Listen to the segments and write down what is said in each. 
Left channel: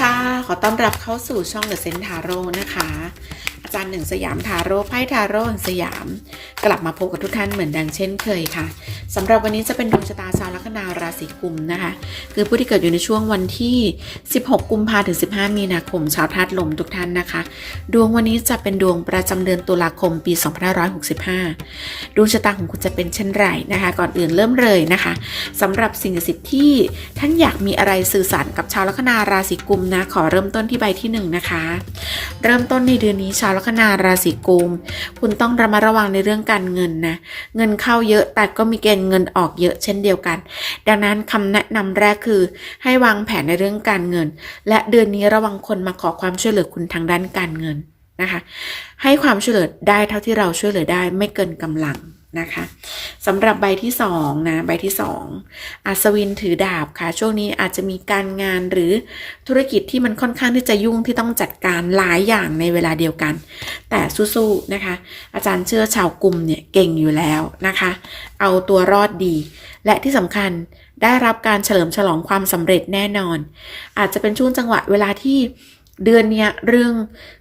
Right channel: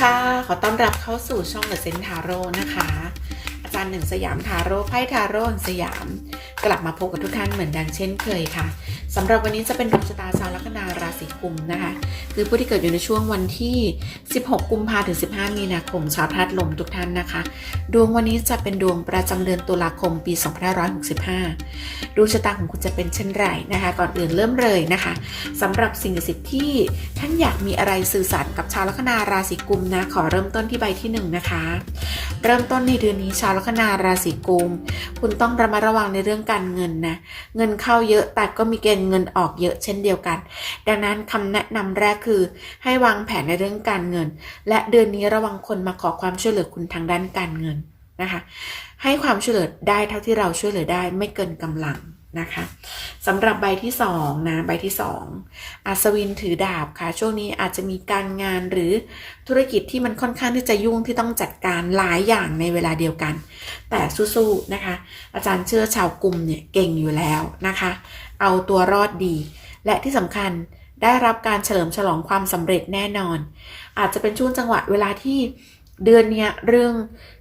ค่ะ ขอต้อนรับเข้าสู่ช่องเดอะเซนทาโร่นะคะ อารหนึ่งสยามทาโร่ไพ่ทาโร่สยาม กลับมาพบกับทุกท่านเหมือนดังเช่นเคยค่ะสำหรับวันนี้จะเป็นดวงชะตาชาวลัคนาราศีกุมนะคะ คือผู้ที่เกิดอยู่ในช่วงวันที่ 16 กุมภาถึง 15 มีนาคมชาวธาตุลมทุกท่านนะคะ ดวงวันนี้จะเป็นดวงประจำเดือนตุลาคมปี 2565 ดวงชะตาของคุณจะเป็นเช่นไรนะคะ ก่อนอื่นเริ่มเลยนะคะสำหรับสิ่งศักดิ์สิบที่ท่านอยากมีอะไรสื่อสารกับชาวลัคนาราศีกุมนะขอเริ่มต้นที่ใบที่หนึ่งนะคะเริ่มต้นในเดือนนี้ชาวลัคนาราศีกุมคุณต้องระมัดระวังในเรื่องการเงินนะ เงินเข้าเยอะแต่ก็มีเกณฑ์เงินออกเยอะเช่นเดียวกัน ดังนั้นคำแนะนำแรกคือ ให้วางแผนในเรื่องการเงิน และเดือนนี้ระวังคนมาขอความช่วยเหลือคุณทางด้านการเงินนะคะ ให้ความช่วยเหลือได้เท่าที่เราช่วยเหลือได้ไม่เกินกำลัง นะคะสำหรับใบที่สองนะใบที่สองอัศวินถือดาบค่ะ ช่วงนี้อาจจะมีการงานหรือธุรกิจที่มันค่อนข้างที่จะยุ่งที่ต้องจัดการหลายอย่างในเวลาเดียวกัน แต่สู้ๆนะคะ อาจารย์เชื่อชาวกลุ่มเนี่ยเก่งอยู่แล้วนะคะ เอาตัวรอดดี และที่สำคัญได้รับการเฉลิมฉลองความสำเร็จแน่นอน อาจจะเป็นช่วงจังหวะเวลาที่ เดือนนี้เรื่อง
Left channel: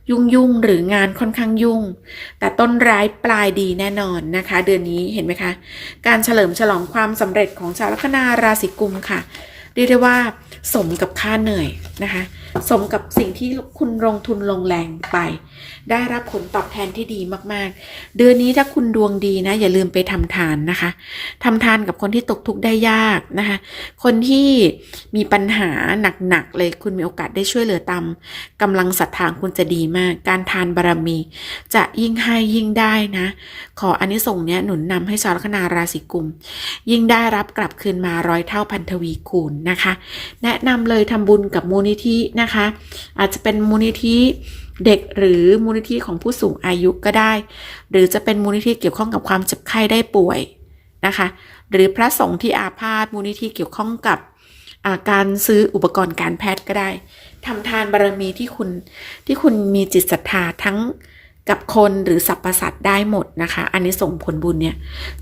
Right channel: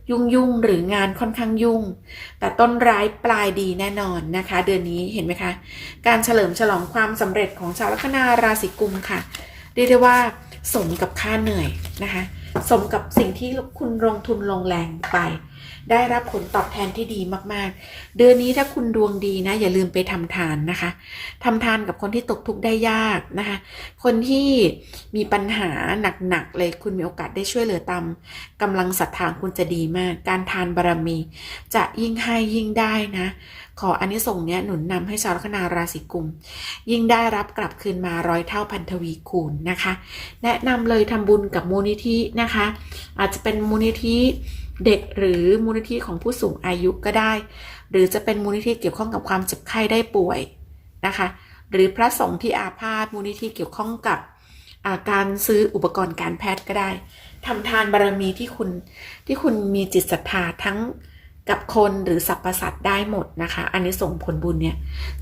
ยุ่งยุ่งหรืองานค่อนข้างยุ่ง แต่ต้นร้ายปลายดีแน่นอนนะคะ เดือนนี้เห็นไหมคะ การเฉลิมฉลองความสำเร็จของชาวลัคนาราศีกุมค่ะ เรียกได้ว่าสมกับค่าเหนื่อยนะคะ สมกับสิ่งที่คุณลงทุนลงแรงไป ได้รับผลตอบแทนที่ดีมากๆ เดือนนี้ถ้าคุณดวงดีนะ อย่าลืมไปทำทานนะคะทำทานกับคนที่ตกทุกข์ได้ยากนะคะ คนที่มีปัญหาหนักๆเลยคุณมีโอกาสได้ช่วยเหลือตามกำลังศรัทธาคุณจะดีมาก การทานบารมี จะยิ่งให้ยิ่งได้นะขออันนี้ส่งส์เนี้ยหนุนนำให้ชาวลัคนาราศีกุม ยิ่งได้รับกลับคืนมาร้อยเท่าพันทวีคูณนะคะ แนะนำเลยทำบุญกับมูลนิธินะคะ อาจจะเป็นมูลนิธิเด็กหรือมูลนิธิของผู้สูงอายุก็ได้ หรือจะเป็นมูลนิธิเกี่ยวข้องกับความเจ็บไข้ได้ป่วยนะคะ หรือพระสงฆ์ที่อาพาธมูลนิธิเกี่ยวข้องกับาการซื้ออุปกรณ์การแพทย์ก็ได้ทำทานบารมีที่คุณที่คุณมีจิตศรัทธาทั้ง กับคนหรือสรรพสัตว์ได้หมดนะคะ อันนี้ส่งผลบุญเนี่ย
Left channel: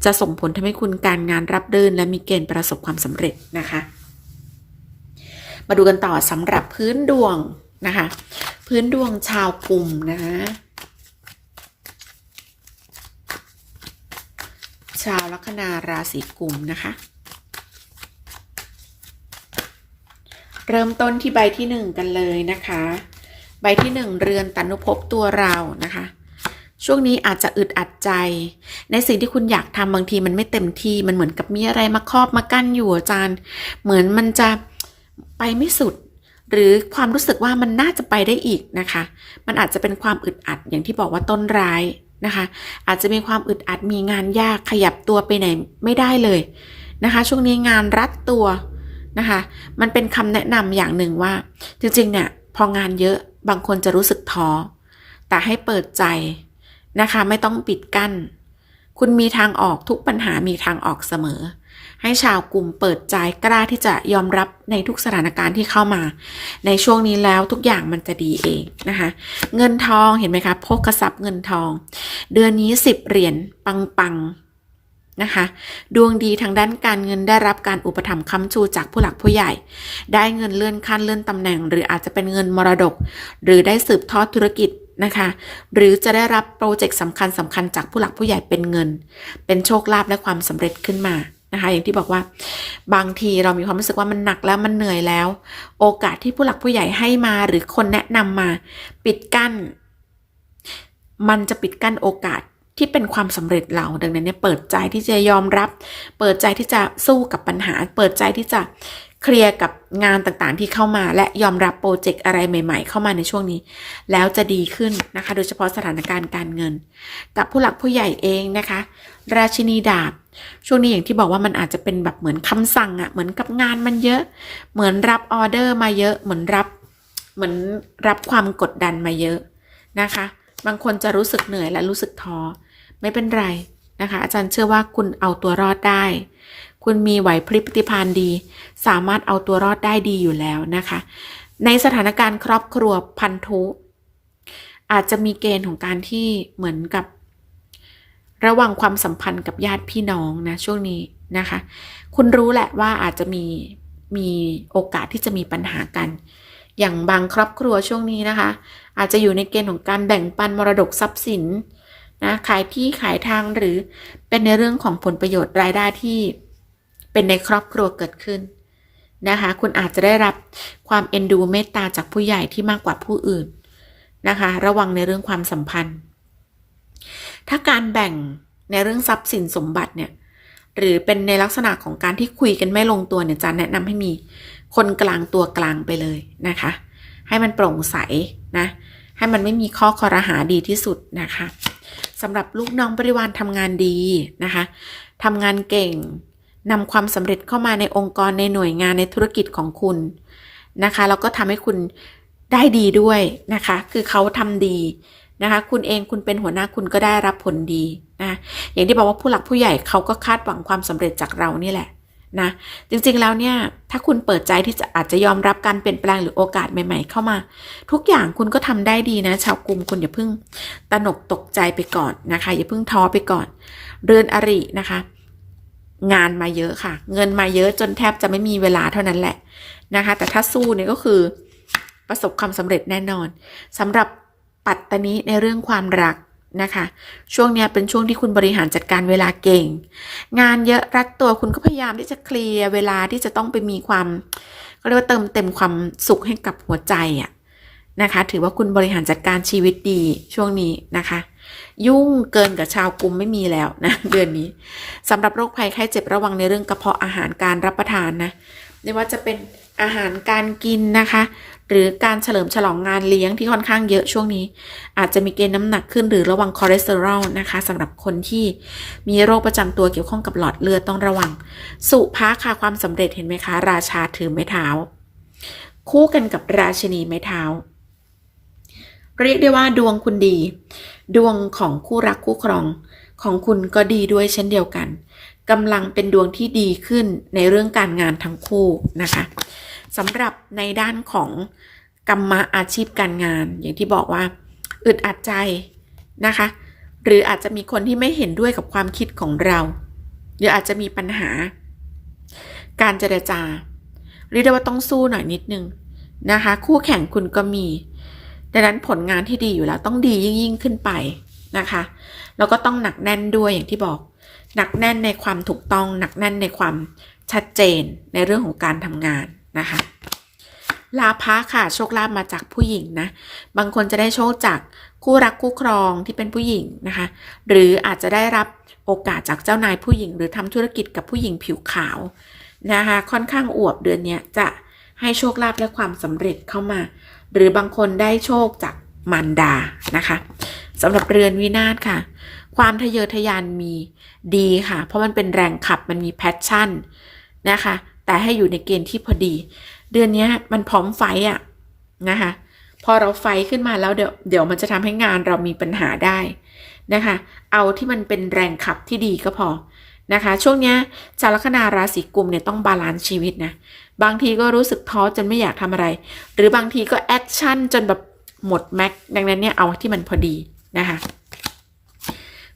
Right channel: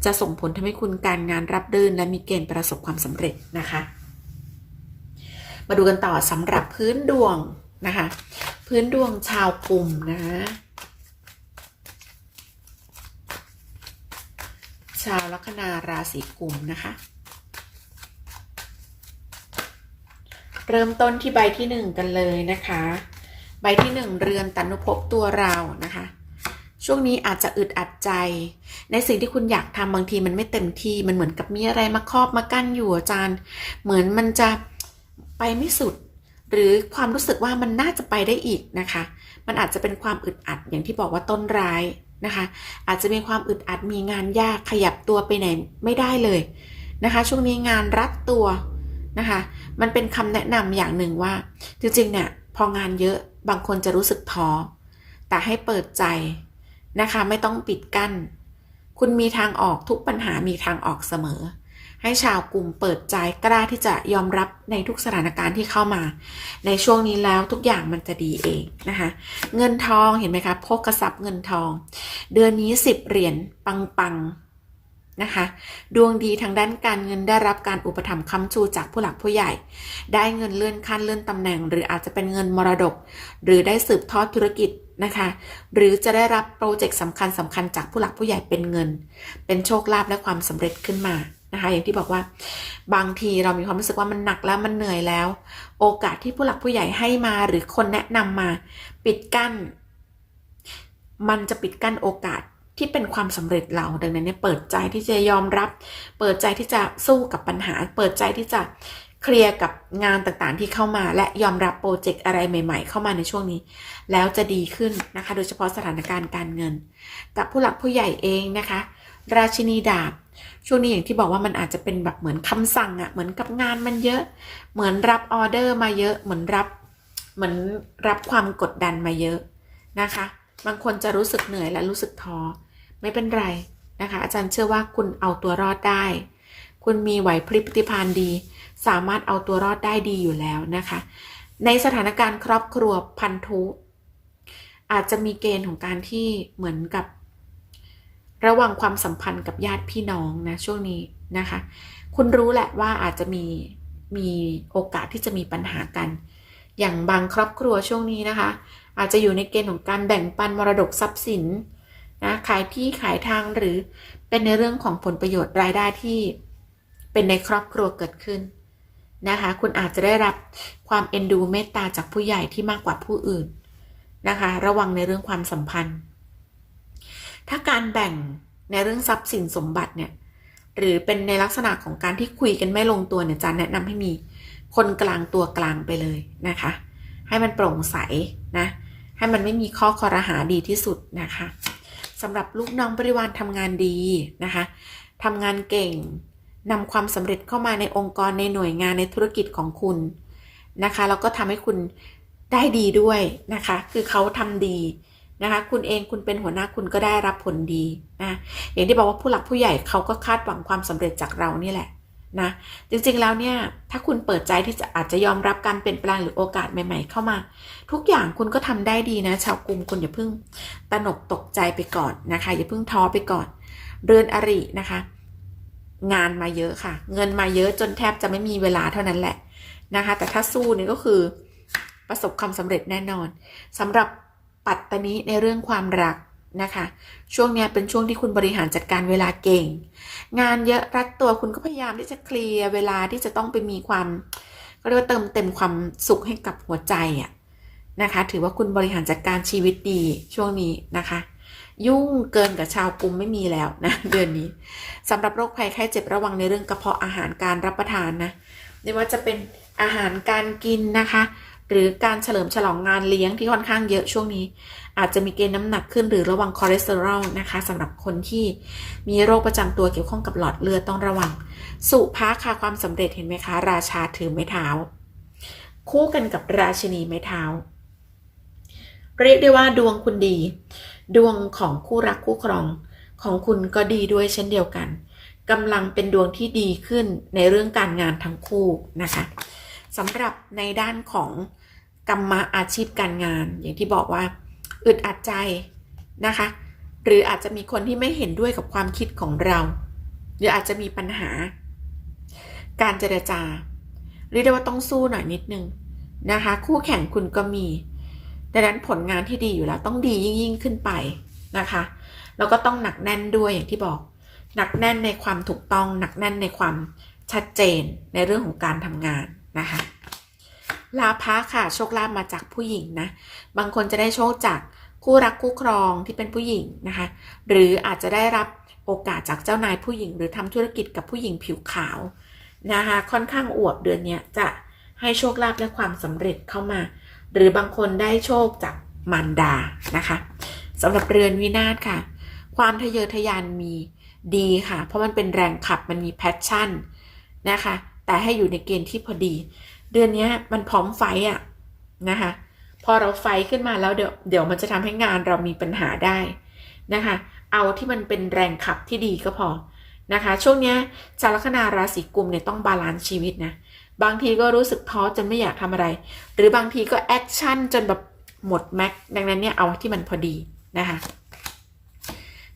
จะส่งผลทำให้คุณการงานรับรื่นและมีเกณฑ์ประสบความสำเร็จนะคะ มาดูกันต่อสำหรับพื้นดวงนะคะ พื้นดวงชาวกลุ่มนะชาวลัคนาราศีกุมนะคะ เริ่มต้นที่ใบที่หนึ่งกันเลยนะคะ ใบที่หนึ่งเรือนตันุภพตัวเรานะคะ ช่วงนี้อาจจะอึดอัดใจ ในสิ่งที่คุณอยากทำบางทีมันไม่เต็มที่มันเหมือนกับมีอะไรมาครอบมากั้นอยู่อาจารย์ เหมือนมันจะไปไม่สุด หรือความรู้สึกว่ามันน่าจะไปได้อีกนะคะ มันอาจจะเป็นความอึดอัดอย่างที่บอกว่าต้นร้ายนะคะ อาจจะมีความอึดอัดมีงานยากขยับตัวไปไหนไม่ได้เลยนะคะ ช่วงนี้งานรัดตัวนะคะ มันเป็นคำแนะนำอย่างหนึ่งว่า จริงๆเนี่ย พองานเยอะบางคนจะรู้สึกท้อแต่ให้เปิดใจนะคะไม่ต้องปิดกั้น คุณมีทางออกทุกปัญหามีทางออกเสมอ ให้ชาวกลุ่มเปิดใจกล้าที่จะยอมรับในทุกสถานการณ์ที่เข้ามา ในช่วงนี้แล้วทุกอย่างมันจะดีเองนะคะ เงินทองเห็นไหมคะพกกระสับเงินทอง เดือนนี้สิบเหรียญปังปังๆ นะคะ ดวงดีทางด้านการเงินได้รับการอุปถัมภ์ค้ำชูจากผู้หลักผู้ใหญ่ ได้เงินเลื่อนขั้นเลื่อนตำแหน่ง หรืออาจจะเป็นเงินมรดก หรือได้สืบทอดธุรกิจนะคะ หรือจะได้รับโปรเจกต์สำคัญสำคัญจากผู้หลักผู้ใหญ่เป็นเงิน เป็นโชคลาภและความสำเร็จขึ้นมานะคะอย่างที่บอกว่าบางทีเรามีความรู้สึกว่ามันหนักแล้วมันเหนื่อยแล้ว โอกาสที่ผู้หลักผู้ใหญ่ให้มาหรือคนแนะนำมา ปิดกั้น มันจะปิดกั้นโอกาส ที่เป็นความสำเร็จเราดังนั้นเนี่ยเปิดใจที่จะยอมรับ เปิดใจที่จะสู้กับปัญหา เปิดใจที่จะเคลียร์กับงานต่างๆที่เข้ามา และยอมรับโปรเจกต์อะไรใหม่ ๆ เข้ามาในช่วงนี้ แล้วจะดีขึ้นนะคะ โดยเฉพาะสถานการณ์การเงิน กับผู้หลักผู้ใหญ่เองนะคะ ราชินีดาบ ช่วงนี้อย่างที่บอกว่ามันอาจจะเป็นแบบเหมือนคำสั่งอะ่ะเหมือนกับงานมันเยอะ เหมือนรับออเดอร์มาเยอะเหมือนรับเหมือนรับความกดดันมาเยอะนะคะ บางคนจะรู้สึกเหนื่อยและรู้สึกท้อ ไม่เป็นไรนะคะ อาจารย์เชื่อว่าคุณเอาตัวรอดได้ คุณมีไหวพริบปฏิภาณดี สามารถเอาตัวรอดได้ดีอยู่แล้วนะคะ ในสถานการณ์ครอบครัวพันธุอาจจะมีเกณฑ์ของการที่เหมือนกับ ระหว่างความสัมพันธ์กับญาติพี่น้องนะช่วงนี้นะคะ คุณรู้แหละว่าอาจจะมีมีโอกาสที่จะมีปัญหากัน อย่างบางครอบครัวช่วงนี้นะคะ อาจจะอยู่ในเกณฑ์ของการแบ่งปันมรดกทรัพย์สิน นะขายที่ขายทางหรือเป็นในเรื่องของผลประโยชน์รายได้ที่เป็นในครอบครัวเกิดขึ้นนะคะ คุณอาจจะได้รับความเอ็นดูเมตตาจากผู้ใหญ่ที่มากกว่าผู้อื่นนะคะ ระวังในเรื่องความสัมพันธ์ ถ้าการแบ่งในเรื่องทรัพย์สินสมบัติเนี่ยหรือเป็นในลักษณะของการที่คุยกันไม่ลงตัวเนี่ยจะแนะนำให้มีคนกลางตัวกลางไปเลยนะคะ ให้มันโปร่งใสนะ ให้มันไม่มีข้อคอรหาดีที่สุดนะคะ สำหรับลูกน้องบริวารทำงานดีนะคะทำงานเก่งนำความสำเร็จเข้ามาในองค์กรในหน่วยงานในธุรกิจของคุณนะคะแล้วก็ทำให้คุณได้ดีด้วยนะคะ คือเขาทำดีนะคะ คุณเองคุณเป็นหัวหน้าคุณก็ได้รับผลดีนะอย่างที่บอกว่าผู้หลักผู้ใหญ่เขาก็คาดหวังความสำเร็จจากเรานี่แหละ นะจริงๆแล้วเนี่ยถ้าคุณเปิดใจที่จะอาจจะยอมรับการเปลี่ยนแปลงหรือโอกาสใหม่ ๆ เข้ามา ทุกอย่างคุณก็ทำได้ดีนะ ชาวกลุ่มคุณอย่าเพิ่งตนกตกใจไปก่อนนะคะ อย่าเพิ่งท้อไปก่อน เรือนอรินะคะ งานมาเยอะค่ะ เงินมาเยอะจนแทบจะไม่มีเวลาเท่านั้นแหละนะคะ แต่ถ้าสู้เนี่ยก็คือประสบความสำเร็จแน่นอนสำหรับปัตตานีในเรื่องความรัก นะคะ ช่วงเนี้ยเป็นช่วงที่คุณบริหารจัดการเวลาเก่ง งานเยอะรัดตัวคุณก็พยายามที่จะเคลียร์เวลาที่จะต้องไปมีความก็เรียกว่าเติมเต็มความสุขให้กับหัวใจอะนะคะ ถือว่าคุณบริหารจัดการชีวิตดีช่วงนี้นะคะ ยุ่งเกินกับชาวกรุมไม่มีแล้วนะเดือนนี้สำหรับโรคภัยไข้เจ็บระวังในเรื่องกระเพาะอาหารการรับประทานนะไม่ว่าจะเป็นอาหารการกินนะคะ หรือการเฉลิมฉลองงานเลี้ยงที่ค่อนข้างเยอะช่วงนี้ อาจจะมีเกณฑ์น้ำหนักขึ้นหรือระวังคอเลสเตอรอลนะคะสำหรับคนที่มีโรคประจำตัวเกี่ยวข้องกับหลอดเลือดต้องระวัง สุภาค่ะความสำเร็จเห็นไหมคะ ราชาถือไม้เท้า คู่กันกับราชินีไม้เท้า เรียกได้ว่าดวงคุณดี ดวงของคู่รักคู่ครองของคุณก็ดีด้วยเช่นเดียวกันกำลังเป็นดวงที่ดีขึ้นในเรื่องการงานทั้งคู่นะคะ สำหรับในด้านของกรรมะอาชีพการงาน อย่างที่บอกว่าอึดอัดใจนะคะ หรืออาจจะมีคนที่ไม่เห็นด้วยกับความคิดของเรา หรืออาจจะมีปัญหา การเจรจาเรียกได้ว่าต้องสู้หน่อยนิดนึงนะคะ คู่แข่งคุณก็มี ดังนั้นผลงานที่ดีอยู่แล้วต้องดียิ่งยิ่งขึ้นไปนะคะแล้วก็ต้องหนักแน่นด้วยอย่างที่บอก หนักแน่นในความถูกต้อง หนักแน่นในความชัดเจนในเรื่องของการทำงาน นะคะลาภะค่ะโชคลาภมาจากผู้หญิงนะ บางคนจะได้โชคจากคู่รักคู่ครองที่เป็นผู้หญิงนะคะ หรืออาจจะได้รับโอกาสจากเจ้านายผู้หญิง หรือทำธุรกิจกับผู้หญิงผิวขาวนะคะค่อนข้างอวบเดือนนี้จะให้โชคลาภและความสำเร็จเข้ามา หรือบางคนได้โชคจากมารดานะคะสำหรับเรือนวินาศค่ะ ความทะเยอทะยานมีดีค่ะ เพราะมันเป็นแรงขับมันมีแพชชั่นนะคะ แต่ให้อยู่ในเกณฑ์ที่พอดี เดือนนี้มันพร้อมไฟอะนะคะพอเราไฟขึ้นมาแล้วเดี๋ยวเดี๋ยวมันจะทำให้งานเรามีปัญหาได้นะคะ เอาที่มันเป็นแรงขับที่ดีก็พอนะคะ ช่วงนี้ชาวลัคนาราศีกุมเนี่ยต้องบาลานซ์ชีวิตนะบางทีก็รู้สึกท้อจนไม่อยากทำอะไร หรือบางทีก็แอคชั่นจนแบบหมดแม็กดังนั้นเนี่ยเอาที่มันพอดีนะคะ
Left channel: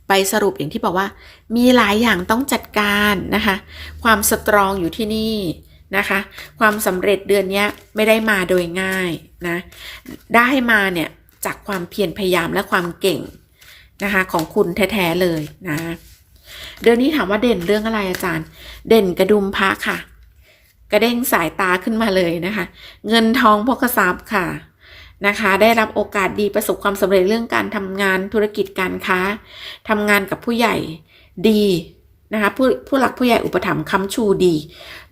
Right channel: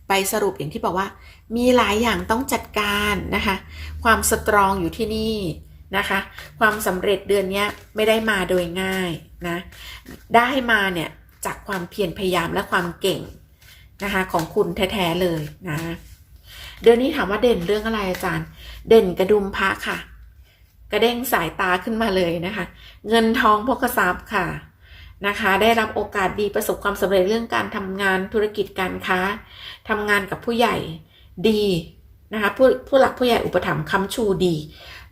ไปสรุปอย่างที่บอกว่า มีหลายอย่างต้องจัดการนะคะ ความสตรองอยู่ที่นี่นะคะ ความสำเร็จเดือนนี้ไม่ได้มาโดยง่ายนะได้มาเนี่ยจากความเพียรพยายามและความเก่งนะคะของคุณแท้ๆเลยนะเดือนนี้ถามว่าเด่นเรื่องอะไรอาจารย์ เด่นกระดุมพระค่ะ กระเด้งสายตาขึ้นมาเลยนะคะ เงินทองพกทรัพย์ค่ะ นะคะ ได้รับโอกาสดีประสบความสำเร็จเรื่องการทำงานธุรกิจการค้าทำงานกับผู้ใหญ่ดีนะคะผู้ผู้หลักผู้ใหญ่อุปถัมภ์ค้ำชูดี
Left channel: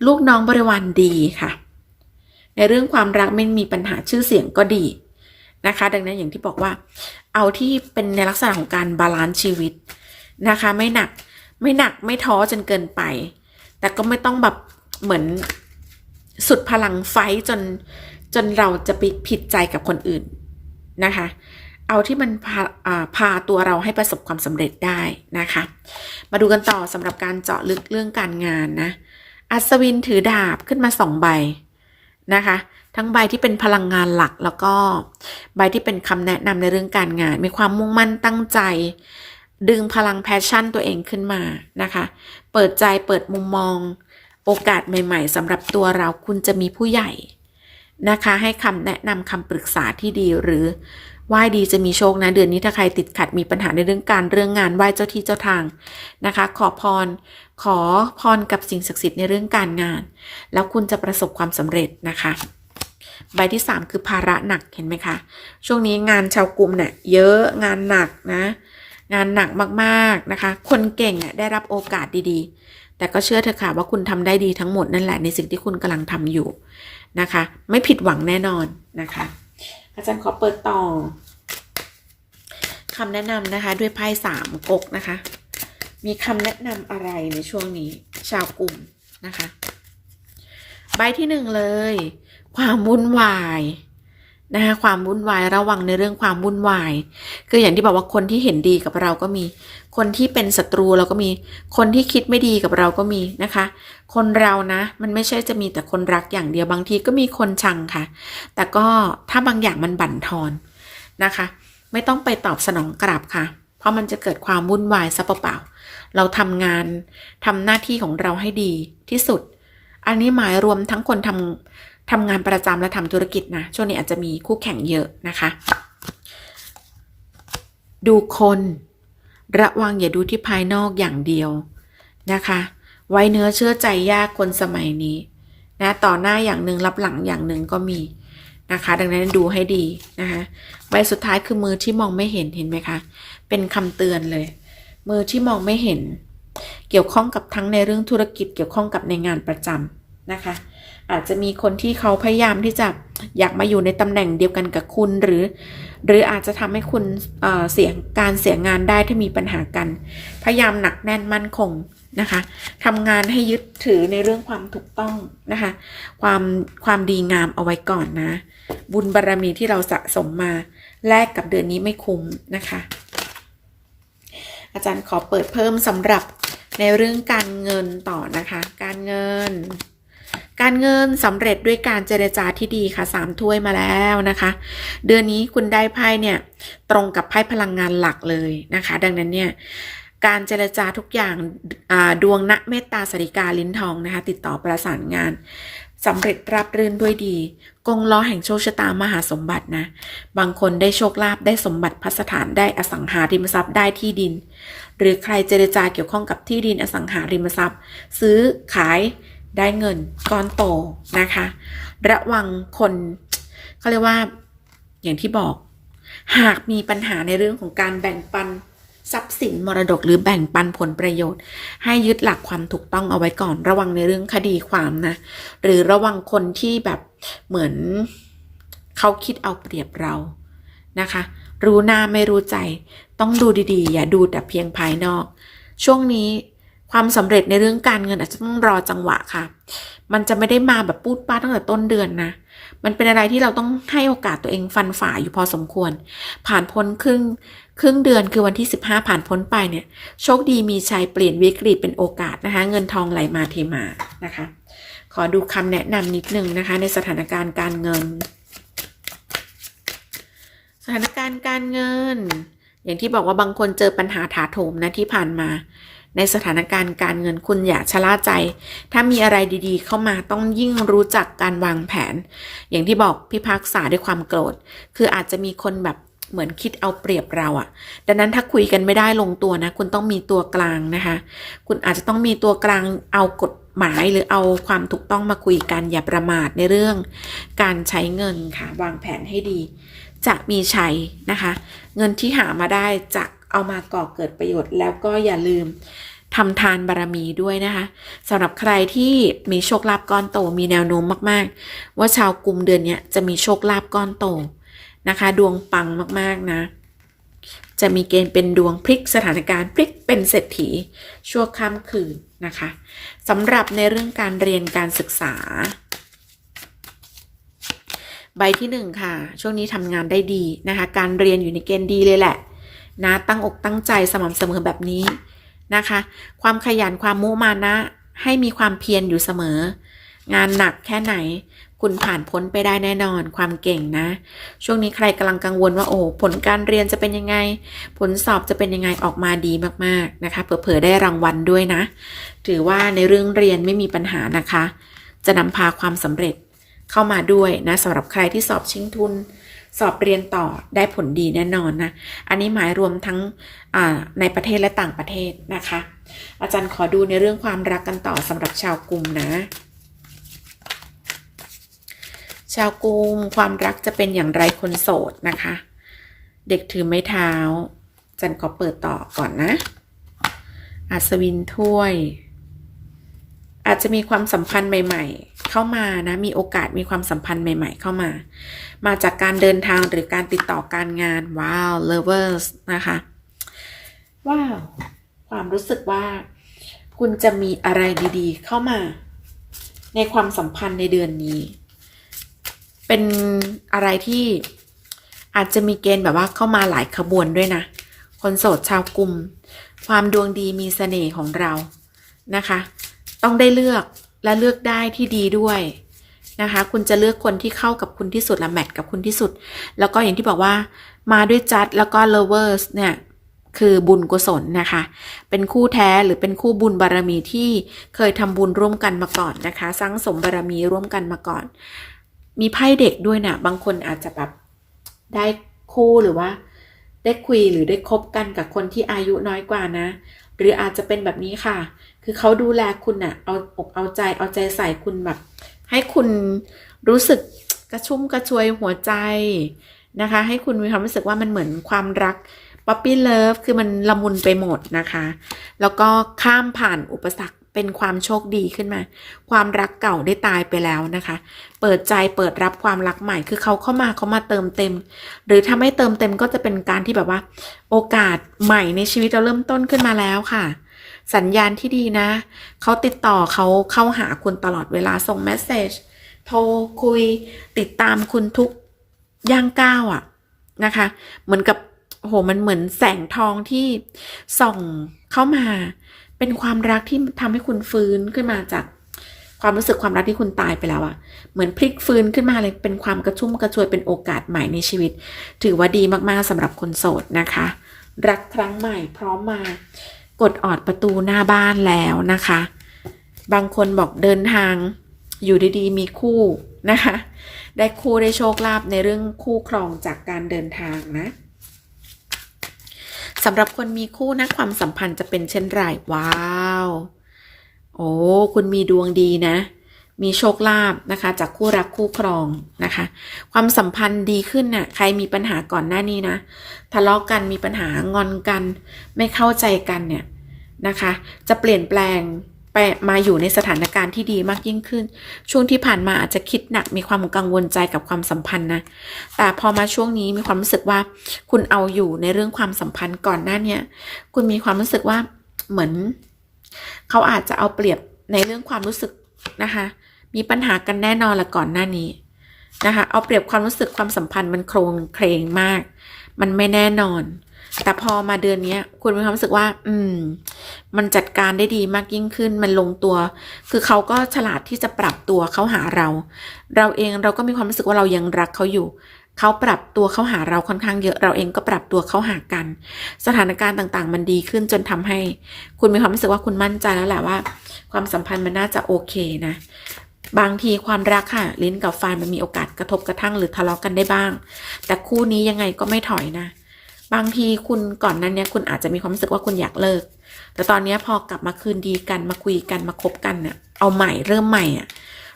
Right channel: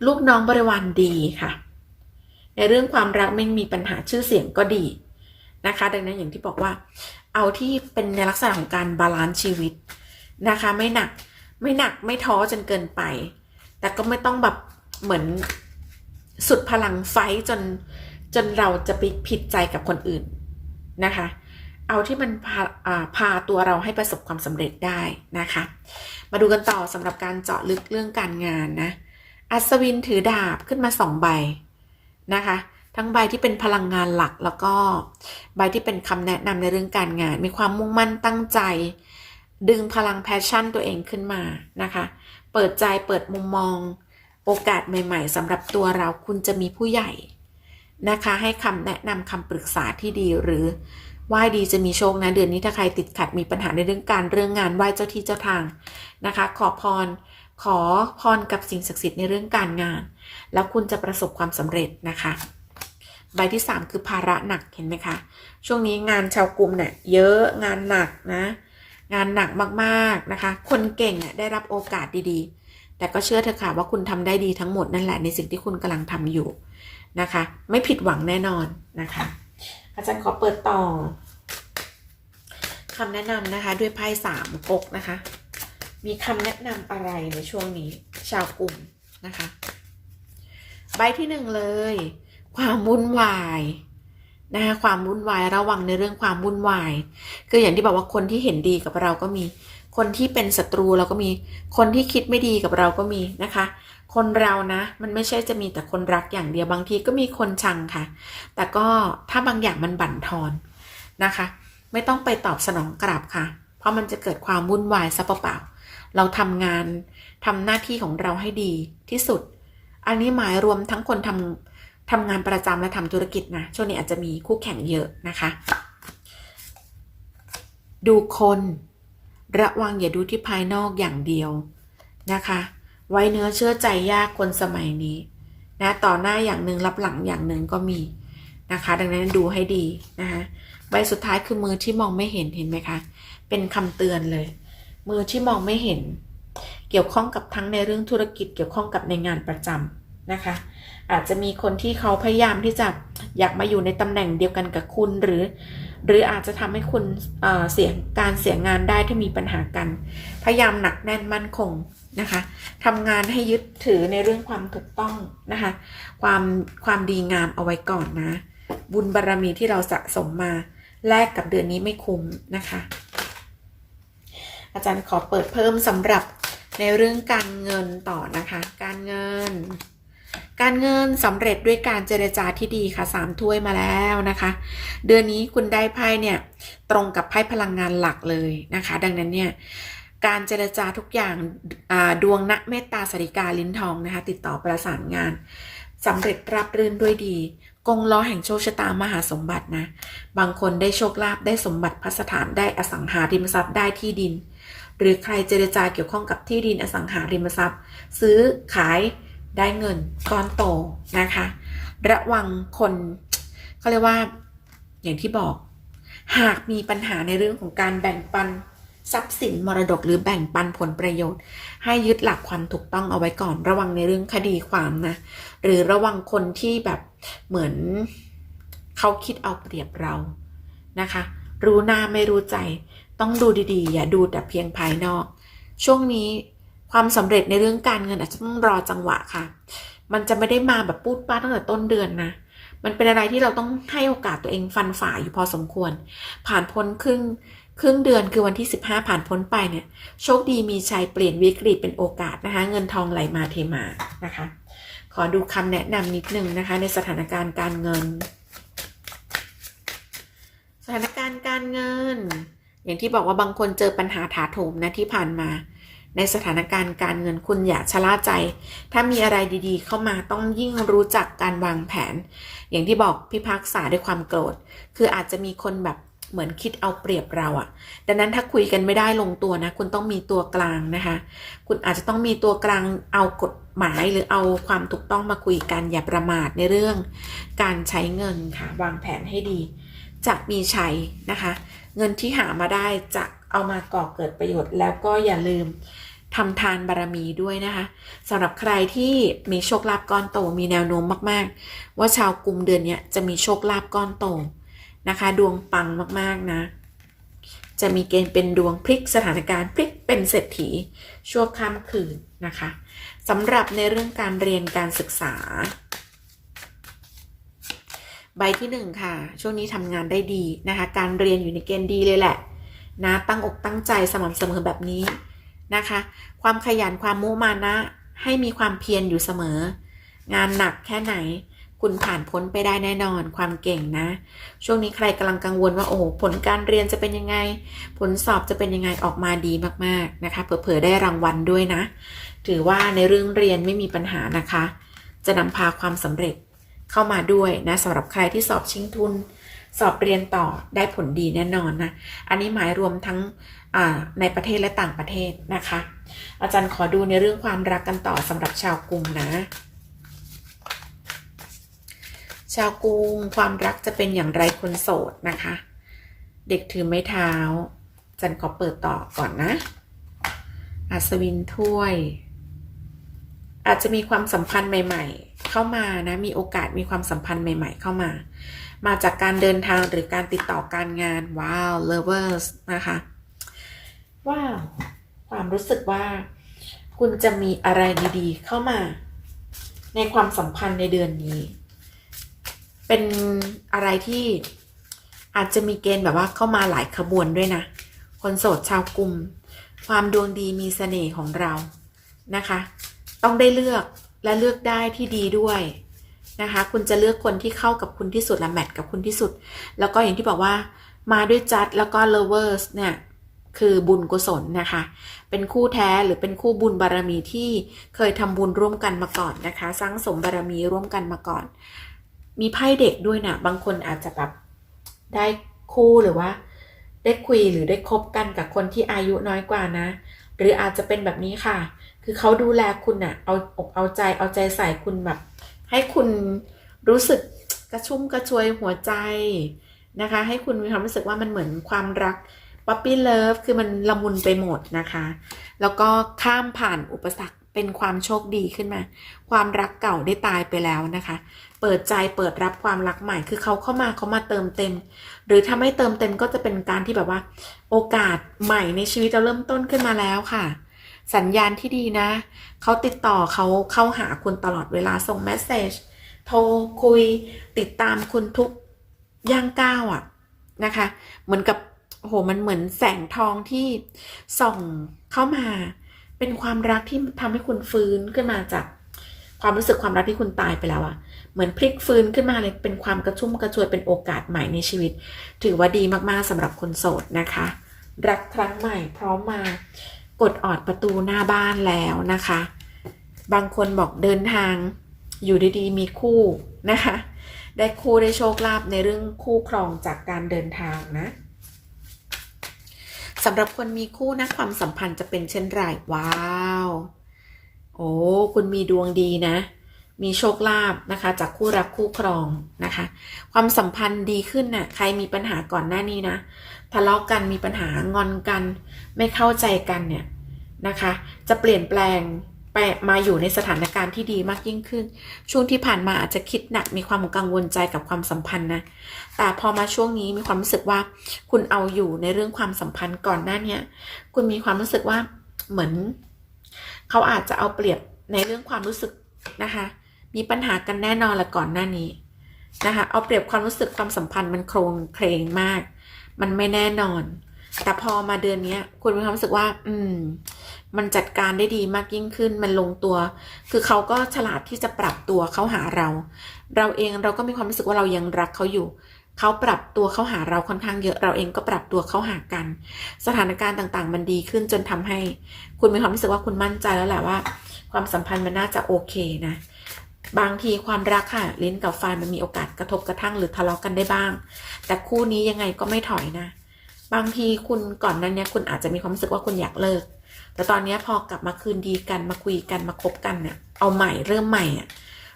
ลูกน้องบริวารดีค่ะ ในเรื่องความรักไม่มีปัญหาชื่อเสียงก็ดีนะคะ ดังนั้นอย่างที่บอกว่า เอาที่เป็นในลักษณะของการบาลานซ์ชีวิตนะคะ ไม่หนักไม่หนักไม่ท้อจนเกินไป แต่ก็ไม่ต้องแบบเหมือนสุดพลังไฟจน จนเราจะไปผิดใจกับคนอื่นนะคะ เอาที่มันพาพาตัวเราให้ประสบความสำเร็จได้นะคะ มาดูกันต่อสำหรับการเจาะลึกเรื่องการงานนะ อัศวินถือดาบขึ้นมาสองใบนะคะ ทั้งใบที่เป็นพลังงานหลักแล้วก็ใบที่เป็นคำแนะนำในเรื่องการงาน มีความมุ่งมั่นตั้งใจ ดึงพลังแพชชั่นตัวเองขึ้นมานะคะ เปิดใจเปิดมุมมอง โอกาสใหม่ ๆสำหรับตัวเราคุณจะมีผู้ใหญ่ นะคะ ให้คำแนะนำคำปรึกษาที่ดีหรือไหว้ดีจะมีโชคนะเดือนนี้ถ้าใครติดขัดมีปัญหาในเรื่องการเรื่องงานไหว้เจ้าที่เจ้าทางนะคะ ขอพร ขอพรกับสิ่งศักดิ์สิทธิ์ในเรื่องการงาน แล้วคุณจะประสบความสำเร็จนะคะ ใบที่ 3 คือภาระหนักเห็นไหมคะช่วงนี้งานชาวกลุ่มเนี่ยเยอะงานหนักนะ งานหนักมากๆนะคะ คนเก่งเนี่ยได้รับโอกาสดีๆ แต่ก็เชื่อเถอะค่ะว่าคุณทำได้ดีทั้งหมดนั่นแหละในสิ่งที่คุณกำลังทำอยู่ นะคะ ไม่ผิดหวังแน่นอนนะคะ อาจารย์ขอเปิดต่อคำแนะนำนะคะ ด้วยไพ่สามก๊กนะคะ มีคำแนะนำอะไรในช่วงนี้ ชาวกลุ่มนะคะ ใบที่หนึ่งเลย ความวุ่นวาย นะคะความวุ่นวายระวังในเรื่องความวุ่นวาย คืออย่างที่บอกว่าคนที่เห็นดีกับเราก็มี คนที่เป็นศัตรูเราก็มี คนที่คิดไม่ดีกับเราก็มีนะคะ คนเรานะ มันไม่ใช่จะมีแต่คนรักอย่างเดียวบางทีก็มีคนชังค่ะ แต่ก็ถ้าบางอย่างมันบั่นทอนนะคะ ไม่ต้องไปตอบสนองกลับค่ะ เพราะมันจะเกิดความวุ่นวายซะเปล่าๆเราทำงานทำหน้าที่ของเราให้ดีที่สุด อันนี้หมายรวมทั้งคนทำ ทำงานประจำและทำธุรกิจนะ ช่วงนี้อาจจะมีคู่แข่งเยอะนะคะ ดูคนระวังอย่าดูที่ภายนอกอย่างเดียวนะคะ ไว้เนื้อเชื่อใจยากคนสมัยนี้นะต่อหน้าอย่างหนึ่งรับหลังอย่างหนึ่งก็มีนะคะ ดังนั้นดูให้ดีนะคะใบสุดท้ายคือมือที่มองไม่เห็นเห็นไหมคะ เป็นคำเตือนเลย มือที่มองไม่เห็น เกี่ยวข้องกับทั้งในเรื่องธุรกิจเกี่ยวข้องกับในงานประจำ นะคะ อาจจะมีคนที่เขาพยายามที่จะอยากมาอยู่ในตำแหน่งเดียวกันกับคุณหรือ หรืออาจจะทำให้คุณเเสียการเสียงานได้ถ้ามีปัญหากัน พยายามหนักแน่นมั่นคงนะคะทำงานให้ยึดถือในเรื่องความถูกต้องนะคะ ความความดีงามเอาไว้ก่อนนะ บุญบารรมีที่เราสะสมมาแลกกับเดือนนี้ไม่คุ้มนะคะ อาจารย์ขอเปิดเพิ่มสำหรับในเรื่องการเงินต่อนะคะ การเงิน การเงินสำเร็จด้วยการเจรจาที่ดีค่ะสามถ้วยมาแล้วนะคะ เดือนนี้คุณได้ไพ่เนี่ยตรงกับไพ่พลังงานหลักเลยนะคะ ดังนั้นเนี่ยการเจรจาทุกอย่างดวงณเมตตาสริกาลิ้นทองนะคะ ติดต่อประสานงานสำเร็จรับรื่นด้วยดี กงล้อแห่งโชคชะตามหาสมบัตินะ บางคนได้โชคลาภได้สมบัติพัสถานได้อสังหาริมทรัพย์ได้ที่ดิน หรือใครเจรจาเกี่ยวข้องกับที่ดินอสังหาริมทรัพย์ ซื้อขาย ได้เงินก้อนโตนะคะ ระวังคนเขาเรียกว่าอย่างที่บอก หากมีปัญหาในเรื่องของการแบ่งปันทรัพย์สินมรดกหรือแบ่งปันผลประโยชน์ ให้ยึดหลักความถูกต้องเอาไว้ก่อน ระวังในเรื่องคดีความนะ หรือระวังคนที่แบบเหมือนเขาคิดเอาเปรียบเรานะคะ รู้หน้าไม่รู้ใจ ต้องดูดีๆ อย่าดูแต่เพียงภายนอก ช่วงนี้ ความสำเร็จในเรื่องการเงินอาจจะต้องรอจังหวะค่ะ มันจะไม่ได้มาแบบปูดป้าตั้งแต่ต้นเดือนนะ มันเป็นอะไรที่เราต้องให้โอกาสตัวเองฟันฝ่าอยู่พอสมควร ผ่านพ้นครึ่งครึ่งเดือนคือวันที่ 15 ผ่านพ้นไปเนี่ย โชคดีมีชัยเปลี่ยนวิกฤตเป็นโอกาสนะคะ เงินทองไหลมาเทมานะคะ ขอดูคำแนะนำนิดนึงนะคะ ในสถานการณ์การเงิน สถานการณ์การเงิน อย่างที่บอกว่าบางคนเจอปัญหาถาโถมนะที่ผ่านมา ในสถานการณ์การเงินคุณอย่าชะล่าใจ ถ้ามีอะไรดีๆ เข้ามาต้องยิ่งรู้จักการวางแผน อย่างที่บอกพิพากษาด้วยความโกรธ คืออาจจะมีคนแบบเหมือนคิดเอาเปรียบเราอะ่ะดังนั้นถ้าคุยกันไม่ได้ลงตัวนะ คุณต้องมีตัวกลางนะคะ คุณอาจจะต้องมีตัวกลางเอากฎหมายหรือเอาความถูกต้องมาคุยกันอย่าประมาทในเรื่อง การใช้เงินค่ะ วางแผนให้ดี จะมีใช้นะคะ เงินที่หามาได้จะ เอามาก่อเกิดประโยชน์ แล้วก็อย่าลืมทำทานบารรมีด้วยนะคะสำหรับใครที่มีโชคลาภก้อนโตมีแนวโน้มมากๆ ว่าชาวกลุ่มเดือนนี้จะมีโชคลาภก้อนโตนะคะ ดวงปังมากๆนะ จะมีเกณฑ์เป็นดวงพลิกสถานการณ์พลิกเป็นเศรษฐีชั่วข้ามคืนนะคะสำหรับในเรื่องการเรียนการศึกษา ใบที่หนึ่งค่ะ ช่วงนี้ทำงานได้ดีนะคะ การเรียนอยู่ในเกณฑ์ดีเลยแหละ นะตั้งอกตั้งใจสม่ำเสมอแบบนี้นะคะ ความขยันความมุมานะ ให้มีความเพียรอยู่เสมอ งานหนักแค่ไหน คุณผ่านพ้นไปได้แน่นอนความเก่งนะ ช่วงนี้ใครกำลังกังวลว่าโอ้ผลการเรียนจะเป็นยังไง ผลสอบจะเป็นยังไงออกมาดีมากๆนะคะเผื่อๆได้รางวัลด้วยนะ ถือว่าในเรื่องเรียนไม่มีปัญหานะคะ จะนำพาความสำเร็จเข้ามาด้วยนะสำหรับใครที่สอบชิงทุน สอบเรียนต่อได้ผลดีแน่นอนนะ อันนี้หมายรวมทั้งในประเทศและต่างประเทศนะคะ อาจารย์ขอดูในเรื่องความรักกันต่อสำหรับชาวกรุงนะ ชาวกรุงความรักจะเป็นอย่างไรคนโสดนะคะ เด็กถือไม้เท้าจันขอเปิดต่อก่อนนะ อัศวินถ้วย อาจจะมีความสัมพันธ์ใหม่ ๆ เข้ามานะ มีโอกาสมีความสัมพันธ์ใหม่ ๆ เข้ามา มาจากการเดินทางหรือการติดต่อการงานว้าว lovers นะคะว้าวความรู้สึกว่า คุณจะมีอะไรดีๆ เข้ามา ในความสัมพันธ์ในเดือนนี้ เป็นอะไรที่อาจจะมีเกณฑ์แบบว่าเข้ามาหลายขบวนด้วยนะ คนโสดชาวกลุ่ม ความดวงดีมีเสน่ห์ของเรานะคะ ต้องได้เลือกและเลือกได้ที่ดีด้วย นะคะ คุณจะเลือกคนที่เข้ากับคุณที่สุดและแมทกับคุณที่สุด แล้วก็อย่างที่บอกว่ามาด้วยจัดแล้วก็ lovers เนี่ยคือบุญกุศลนะคะ เป็นคู่แท้หรือเป็นคู่บุญบารมีที่เคยทำบุญร่วมกันมาก่อนนะคะ สร้างสมบารมีร่วมกันมาก่อน มีไพ่เด็กด้วยนะบางคนอาจจะแบบได้คู่หรือว่า ได้คุยหรือได้คบกันกับคนที่อายุน้อยกว่านะ หรืออาจจะเป็นแบบนี้ค่ะ คือเขาดูแลคุณอะเอาอกเอาใจเอาใจใส่คุณแบบ ให้คุณรู้สึกกระชุ่มกระชวยหัวใจนะคะ ให้คุณมีความรู้สึกว่ามันเหมือนความรักป๊อปปี้เลิฟคือมันละมุนไปหมดนะคะ แล้วก็ข้ามผ่านอุปสรรคเป็นความโชคดีขึ้นมา ความรักเก่าได้ตายไปแล้วนะคะ เปิดใจเปิดรับความรักใหม่ คือเขาเข้ามาเขามาเติมเต็ม หรือถ้าไม่เติมเต็มก็จะเป็นการที่แบบว่า โอกาสใหม่ในชีวิตเราเริ่มต้นขึ้นมาแล้วค่ะ สัญญาณที่ดีนะ เขาติดต่อเขาเข้าหาคุณตลอดเวลาส่งเมสเซจโทรคุยติดตามคุณทุกย่างก้าวอะนะคะ เหมือนกับโหมันเหมือนแสงทองที่ส่องเข้ามา เป็นความรักที่ทำให้คุณฟื้นขึ้นมาจากความรู้สึกความรักที่คุณตายไปแล้วอะเหมือนพลิกฟื้นขึ้นมาเลยเป็นความกระชุ่มกระชวยเป็นโอกาสใหม่ในชีวิต ถือว่าดีมากๆสำหรับคนโสดนะคะ รักครั้งใหม่พร้อมมา กดออดประตูหน้าบ้านแล้วนะคะ บางคนบอกเดินทางอยู่ดีๆ มีคู่นะคะ ได้คู่ได้โชคลาภในเรื่องคู่ครองจากการเดินทางนะสำหรับคนมีคู่นะความสัมพันธ์จะเป็นเช่นไรว้าว โอ้ คุณมีดวงดีนะ มีโชคลาภนะคะ จากคู่รักคู่ครองนะคะ ความสัมพันธ์ดีขึ้นน่ะใครมีปัญหาก่อนหน้านี้นะทะเลาะกันมีปัญหางอนกัน ไม่เข้าใจกันเนี่ยนะคะ จะเปลี่ยนแปลงไปมาอยู่ในสถานการณ์ที่ดีมากยิ่งขึ้น ช่วงที่ผ่านมาอาจจะคิดหนักมีความกังวลใจกับความสัมพันธ์นะ แต่พอมาช่วงนี้มีความรู้สึกว่า คุณเอาอยู่ในเรื่องความสัมพันธ์ก่อนหน้าเนี้ยคุณมีความรู้สึกว่าเหมือน เขาอาจจะเอาเปรียบในเรื่องความรู้สึกนะคะ มีปัญหากันแน่นอนละก่อนหน้านี้นะคะเอาเปรียบความรู้สึกความสัมพันธ์มันโครงเครงมาก มันไม่แน่นอน แต่พอมาเดือนนี้คุณมีความรู้สึกว่า อืม มันจัดการได้ดีมากยิ่งขึ้น มันลงตัว คือเขาก็ฉลาดที่จะปรับตัวเข้าหาเรา เราเองเราก็มีความรู้สึกว่าเรายังรักเขาอยู่เขาปรับตัวเข้าหาเราค่อนข้างเยอะเราเองก็ปรับตัวเข้าหากัน สถานการณ์ต่างๆ มันดีขึ้นจนทำให้ คุณมีความรู้สึกว่าคุณมั่นใจแล้วแหละว่า ความสัมพันธ์มันน่าจะโอเคนะ บางทีความรักค่ะลิ้นกับฟันมันมีโอกาสกระทบกระทั่งหรือทะเลาะกันได้บ้าง แต่คู่นี้ยังไงก็ไม่ถอยนะ บางทีคุณก่อนนั้นเนี่ยคุณอาจจะมีความรู้สึกว่าคุณอยากเลิก แต่ตอนนี้พอกลับมาคืนดีกันมาคุยกันมาคบกันเนี่ยเอาใหม่เริ่มใหม่อะ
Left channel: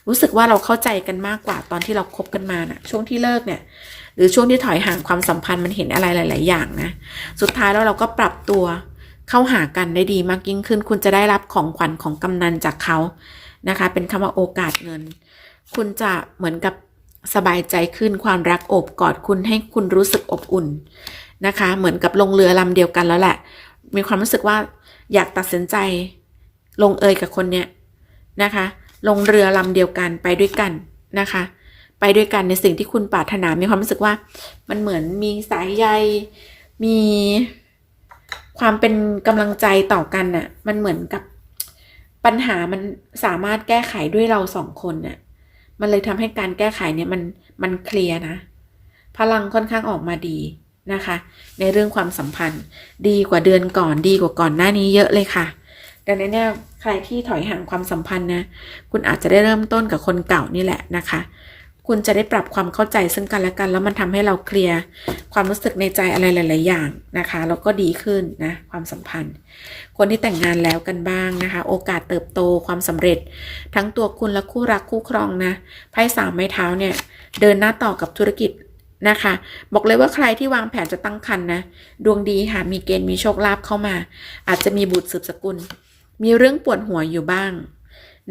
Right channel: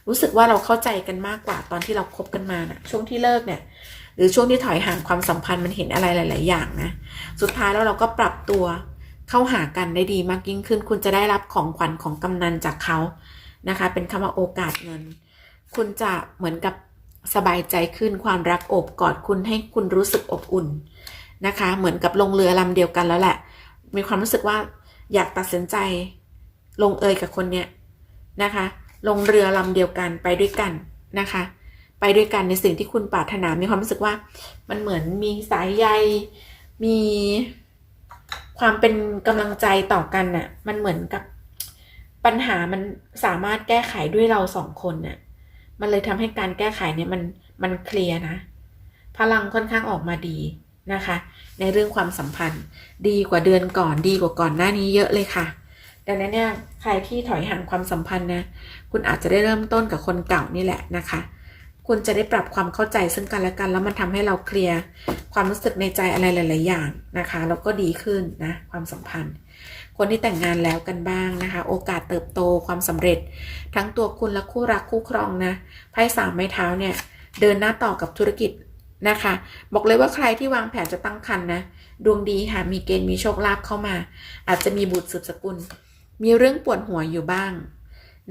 รู้สึกว่าเราเข้าใจกันมากกว่าตอนที่เราคบกันมาน่ะ ช่วงที่เลิกเนี่ย หรือช่วงที่ถอยห่างความสัมพันธ์มันเห็นอะไรหลาย ๆ อย่างนะสุดท้ายแล้วเราก็ปรับตัวเข้าหากันได้ดีมากยิ่งขึ้น คุณจะได้รับของขวัญของกำนันจากเขา นะคะ เป็นคำว่าโอกาสเงิน คุณจะเหมือนกับสบายใจขึ้นความรักโอบกอดคุณให้คุณรู้สึกอบอุ่นนะคะ เหมือนกับลงเรือลำเดียวกันแล้วแหละ มีความรู้สึกว่าอยากตัดสินใจลงเอยกับคนเนี้ยนะคะ ลงเรือลำเดียวกันไปด้วยกันนะคะ ไปด้วยกันในสิ่งที่คุณปรารถนา มีความรู้สึกว่ามันเหมือนมีสายใย มีความเป็นกำลังใจต่อกันน่ะ มันเหมือนกับ ปัญหามันสามารถแก้ไขด้วยเราสองคนน่ะมันเลยทำให้การแก้ไขเนี่ยมันมันเคลียร์นะ พลังค่อนข้างออกมาดีนะคะ ในเรื่องความสัมพันธ์ ดีกว่าเดือนก่อนดีกว่าก่อนหน้านี้เยอะเลยค่ะ ดังนั้นเนี่ยใครที่ถอยห่างความสัมพันธ์นะ คุณอาจจะได้เริ่มต้นกับคนเก่านี่แหละนะคะ คุณจะได้ปรับความเข้าใจซึ่งกันและกัน แล้วมันทำให้เราเคลียร์ความรู้สึกในใจอะไรหลาย ๆ อย่างนะคะ แล้วก็ดีขึ้นนะความสัมพันธ์ คนที่แต่งงานแล้วกันบ้างนะคะ โอกาสเติบโตความสำเร็จ ทั้งตัวคุณและคู่รักคู่ครองนะไพ่สามไม้เท้าเนี่ยเดินหน้าต่อกับธุรกิจนะคะ บอกเลยว่าใครที่วางแผนจะตั้งครรภ์นะดวงดีค่ะมีเกณฑ์มีโชคลาภเข้ามา อาจจะมีบุตรสืบสกุล มีเรื่องปวดหัวอยู่บ้าง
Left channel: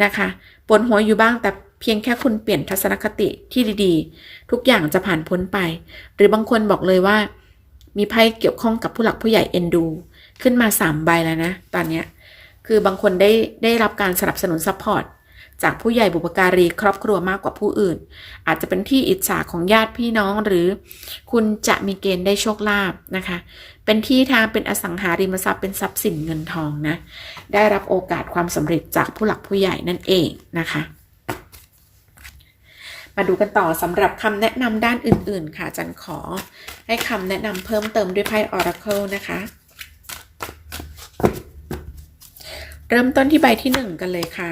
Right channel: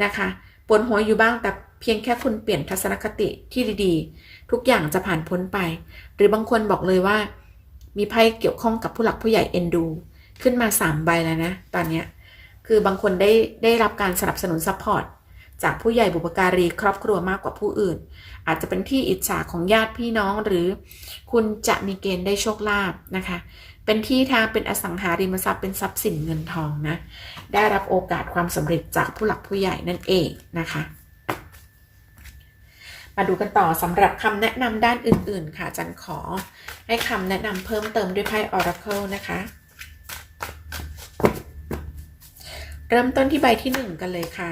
นะคะปวดหัวอยู่บ้างแต่เพียงแค่คุณเปลี่ยนทัศนคติที่ดีๆ ทุกอย่างจะผ่านพ้นไป หรือบางคนบอกเลยว่า มีไพ่เกี่ยวข้องกับผู้หลักผู้ใหญ่เอ็นดู ขึ้นมาสามใบแล้วนะ ตอนนี้คือบางคนได้ได้รับการสนับสนุนซัพพอร์ตจากผู้ใหญ่บุปการีครอบครัวมากกว่าผู้อื่น อาจจะเป็นที่อิจฉาของญาติพี่น้องหรือ คุณจะมีเกณฑ์ได้โชคลาภนะคะ เป็นที่ทางเป็นอสังหาริมทรัพย์เป็นทรัพย์สินเงินทองนะ ได้รับโอกาสความสำเร็จจากผู้หลักผู้ใหญ่นั่นเองนะคะ มาดูกันต่อสำหรับคำแนะนำด้านอื่น ๆ ค่ะจันขอให้คำแนะนำเพิ่มเติมด้วยไพ่ Oracle นะคะ เริ่มต้นที่ใบที่หนึ่งกันเลยค่ะ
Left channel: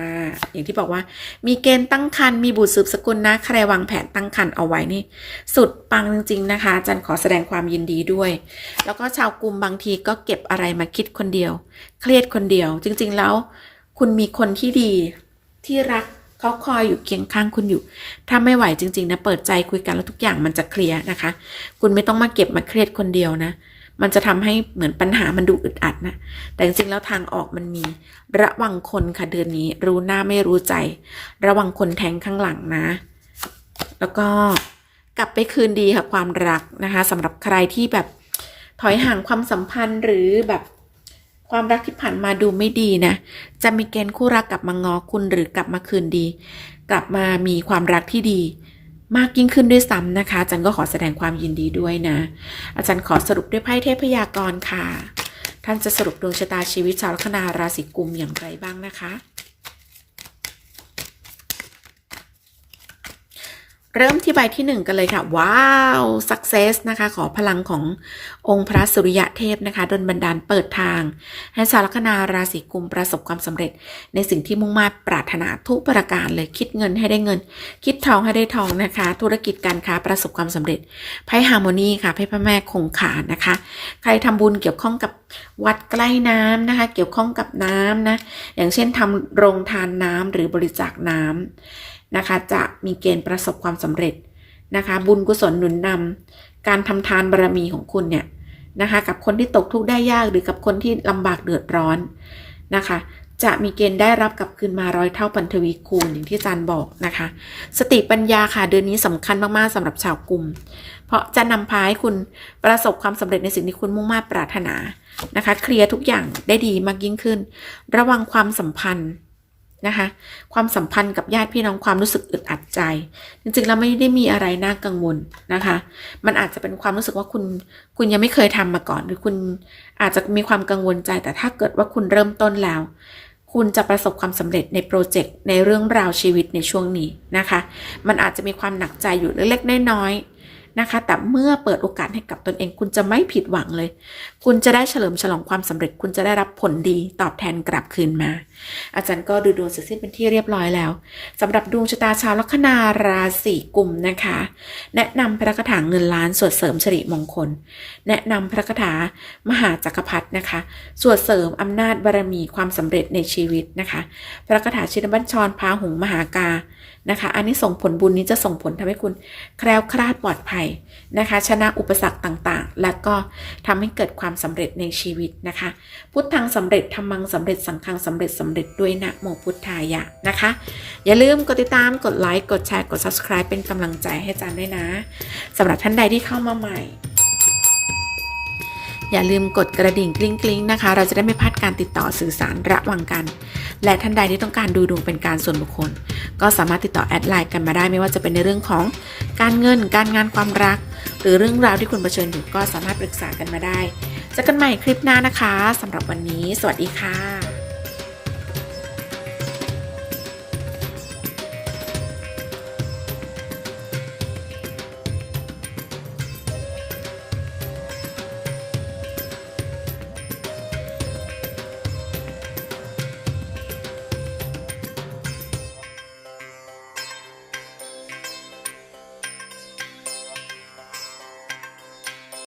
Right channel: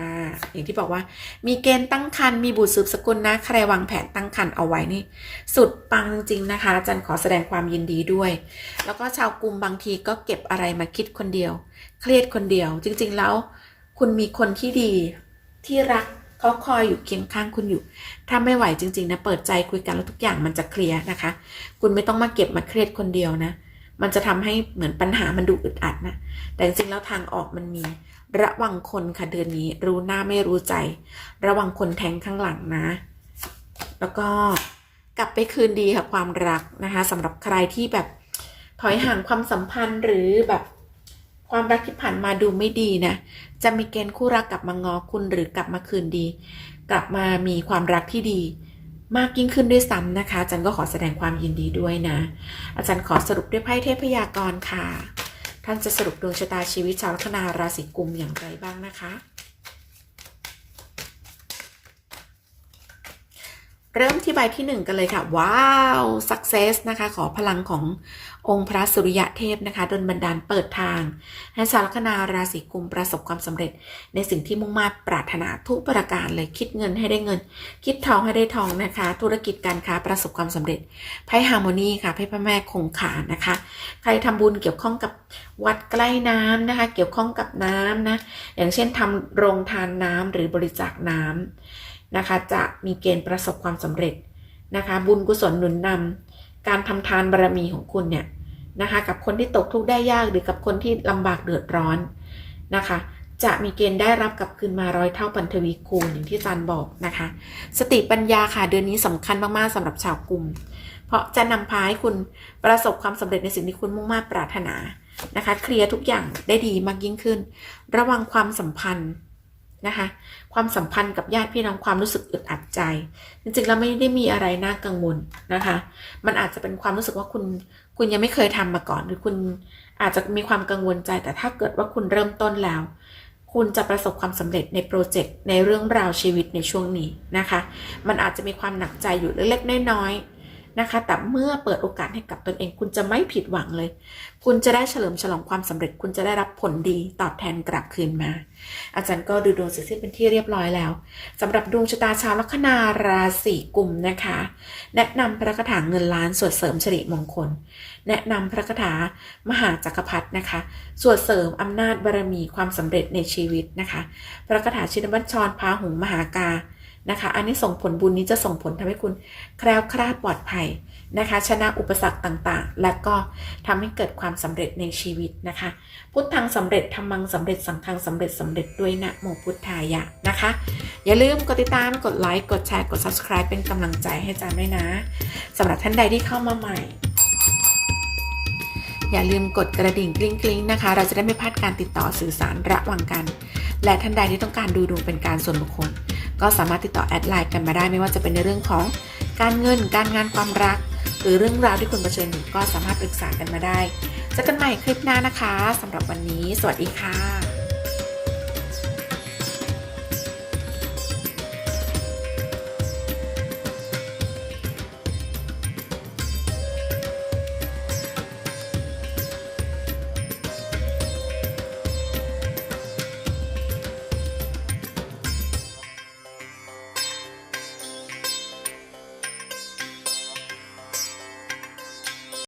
อย่างที่บอกว่า มีเกณฑ์ตั้งครรภ์มีบุตรสืบสกุลนะ ใครวางแผนตั้งครรภ์เอาไว้นี่ สุดปังจริงๆนะคะจันขอแสดงความยินดีด้วย แล้วก็ชาวกลุ่มบางทีก็เก็บอะไรมาคิดคนเดียว เครียดคนเดียว จริง ๆ แล้ว คุณมีคนที่ดีที่รักเขาคอยอยู่เคียงข้างคุณอยู่ ถ้าไม่ไหวจริง ๆ นะ เปิดใจคุยกันแล้วทุกอย่างมันจะเคลียร์นะคะ คุณไม่ต้องมาเก็บมาเครียดคนเดียวนะ มันจะทำให้เหมือนปัญหามันดูอึดอัดนะ แต่จริงๆแล้วทางออกมันมี ระวังคนค่ะเดือนนี้ รู้หน้าไม่รู้ใจ ระวังคนแทงข้างหลังนะ แล้วก็กลับไปคืนดีค่ะความรักนะคะสำหรับใครที่แบบถอยห่างความสัมพันธ์หรือแบบความรักที่ผ่านมาดูไม่ดีนะ จะมีเกณฑ์คู่รักกลับมางอคุณหรือกลับมาคืนดี กลับมามีความรักที่ดี มากยิ่งขึ้นด้วยซ้ำนะคะอาจารย์ก็ขอแสดงความยินดีด้วยนะ อาจารย์ขอสรุปด้วยไพ่เทพยากรณ์ค่ะ ท่านจะสรุปดวงชะตาชีวิตชาวลัคนาราศีกุมอย่างไรบ้างนะคะ เริ่มที่ใบที่หนึ่งกันเลยค่ะ ว้าว success นะคะ ขอพลังขององค์พระสุริยะเทพนะคะดลบันดาลเปิดทาง ให้ชาวลัคนาราศีกุมประสบความสำเร็จ ในสิ่งที่มุ่งมา่ปรารถนาทุกประการเลยคิดเงินให้ได้เงิน คิดทองให้ได้ทองนะคะ ธุรกิจการค้าประสบความสำเร็จไพ่ฮาร์โมนีค่ะไพ่พระแม่คงคานะคะ ใครทำบุญเกี่ยวข้องกับวัดใกล้น้ำนะคะ เกี่ยวข้องกับน้ำนะอย่างเช่นทำโรงทานน้ำหรือบริจาคน้ำ นะคะ จะมีเกณฑ์ประสบความสำเร็จนะคะ บุญกุศลหนุนนำการทำทานบารมีของคุณเนี่ยนะคะกับคนที่ตกทุกข์ได้ยากหรือกับคนที่ลำบากเดือดร้อนนะคะ จะมีเกณฑ์ได้รับกลับคืนมาร้อยเท่าปันทวีคูณอย่างที่อาจารย์บอกนะคะ สติปัญญาค่ะเดือนนี้สำคัญมากๆสำหรับชาวกลุ่ม เพราะจะนำพาให้คุณประสบความสำเร็จในสิ่งที่คุณมุ่งมา่ปรารถนานะคะ เคลียร์ทุกอย่างได้ดีมากยิ่งขึ้น ระวังความสัมพันธ์ นะคะความสัมพันธ์กับญาติพี่น้องความรู้สึกอึดอัดใจ จริงๆแล้วไม่ได้มีอะไรน่ากังวลนะคะ มันอาจจะเป็นความรู้สึกว่าคุณคุณยังไม่เคยทำมาก่อน หรือคุณอาจจะมีความกังวลใจ แต่ถ้าเกิดว่าคุณเริ่มต้นแล้ว คุณจะประสบความสำเร็จในโปรเจกต์ในเรื่องราวชีวิตในช่วงนี้นะคะ มันอาจจะมีความหนักใจอยู่เล็กๆน้อยๆ นะคะ แต่เมื่อเปิดโอกาสให้กับตนเอง คุณจะไม่ผิดหวังเลย คุณจะได้เฉลิมฉลองความสำเร็จ คุณจะได้รับผลดีตอบแทนกลับคืนมา อาจารย์ก็ดูดวงเสร็จสิ้นเป็นที่เรียบร้อยแล้วสำหรับดวงชะตาชาวลัคนาราศีกุมนะคะ แนะนำพระคาถาเงินล้านสวดเสริมสิริมงคล แนะนำพระคาถามหาจักรพรรดินะคะสวดเสริมอำนาจบารมีความสำเร็จในชีวิตนะคะ พระคาถาชินบัญชรพาหุงมหากา นะคะ อันนี้ส่งผลบุญนี้จะส่งผลทำให้คุณแคล้วคลาดปลอดภัยนะคะ ชนะอุปสรรคต่างๆ และก็ทำให้เกิดความสำเร็จในชีวิตนะคะ พุทธังสำเร็จธรรมังสำเร็จสังฆังสำเร็จสำเร็จด้วยนะโมพุทธายะนะคะ อย่าลืมกดติดตามกดไลค์กดแชร์กด subscribe เป็นกำลังใจให้อาจารย์ด้วยนะสำหรับท่านใดที่เข้ามาใหม่อย่าลืมกดกระดิ่งกริ๊งกริ๊งนะคะ เราจะได้ไม่พลาดการติดต่อสื่อสารระหว่างกัน และท่านใดที่ต้องการดูดวงเป็นการส่วนบุคคล ก็สามารถติดต่อแอดไลน์กันมาได้ไม่ว่าจะเป็นในเรื่องของการเงิน การงานความรัก หรือเรื่องราวที่คุณเผชิญอยู่ก็สามารถปรึกษากันมาได้เจอกันใหม่คลิปหน้านะคะสำหรับวันนี้ สวัสดีค่ะ